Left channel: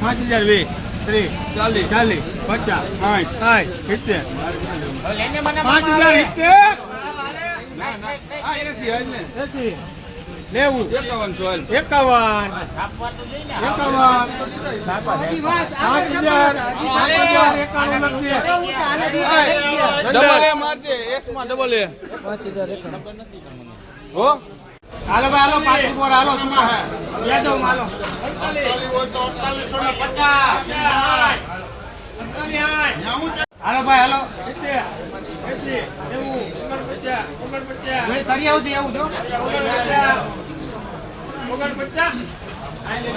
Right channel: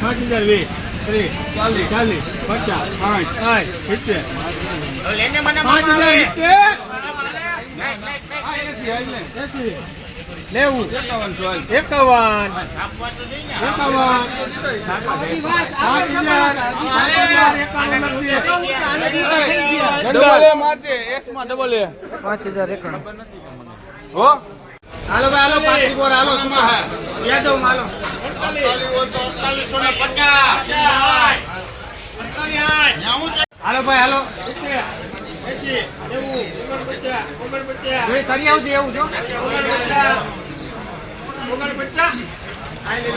પાંચ હજાર વીસ ત્રીસ ચાલીસ ચાલીસ પચાસ સાઠ સાઠ સિત્તેર પાંચ હજાર એકાવન એકાવન પાંચ હજાર ડબલ એ મારજે એસમાં ડબલ એ પાંચ હજાર એકાણું. હો? હાલો ભાઈ હાલો પાંચ ઉપર હાલો. સુમા બે દો હાલો. હાલો ભાઈ હાલો. તરી આવતી એવું પચાસ, એંસી,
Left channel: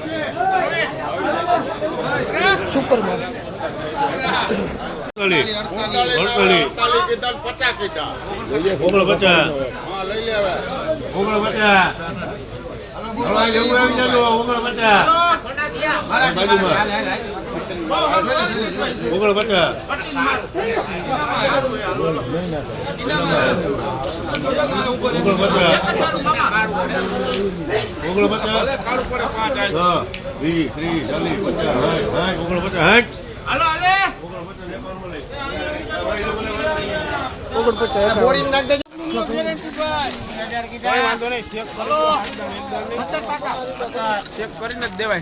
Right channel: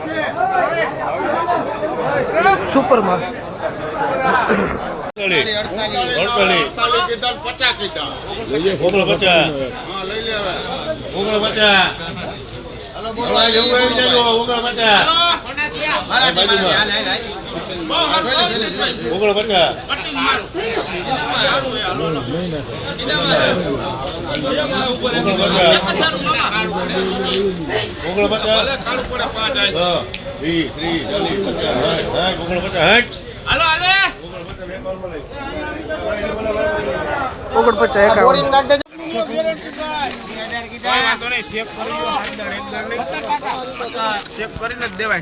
સુપર માલ પચાસ કીધા ઓગણ પચાસ ઓગણ પચાસ ઓગણપચાસ. કરીને જ દેવાય.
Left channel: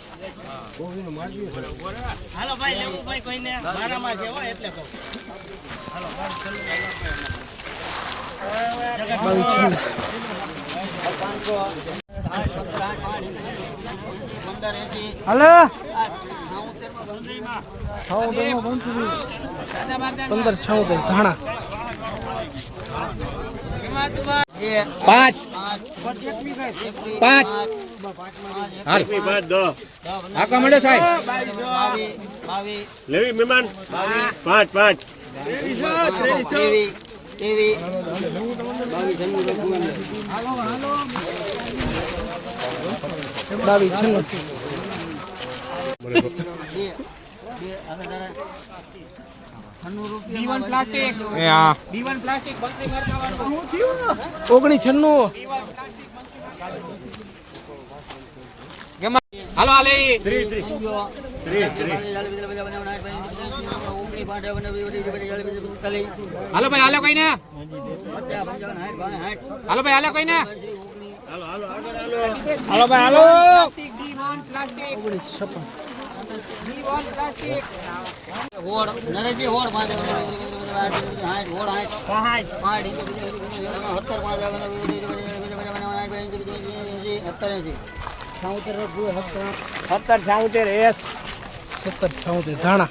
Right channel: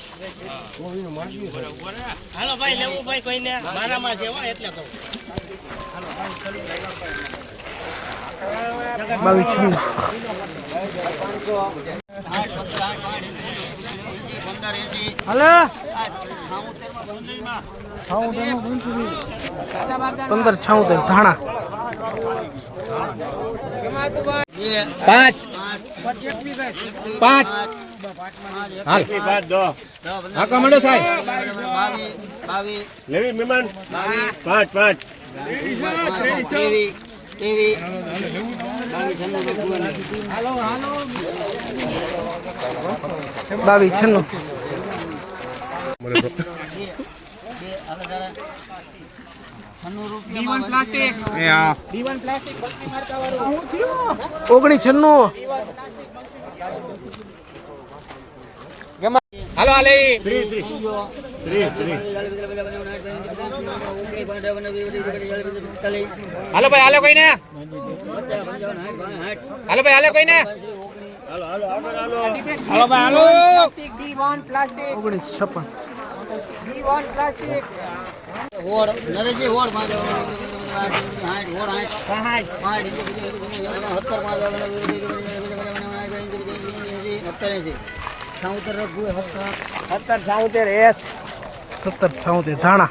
હાલો ભાઈ લેવું ભાઈ કોઈને. મારામાં છે હો એટલે કહું. પંદર છોતેર ધાણા. પાંચ. પાંચ. હાલ. હાકા મળે સાહેબ. લેવી મહેમાન? પાંચ પાંચ. બાવીસ છન્નું દીવન પ્લાસ્ટિક એ હા દીવન પ્લાસ્ટિક બત્રી માર્કા વાળું ઓગણીસ છન્નું હાલો, હાલે. હાલો ભાઈ, હાલો કોઈ ને હાલો ભાઈ, હાલો કોઈ ને હાલો ભાઈ, હાલો. પ્લાસ્ટિક દીવન ઓગણીસ છપ્પન નરેશજી હોડ પાંચ સત્તર પાંચ સત્તર એસી સત્તર. છાઉતેર એસ. સત્તર છાઉતેર ધાણા.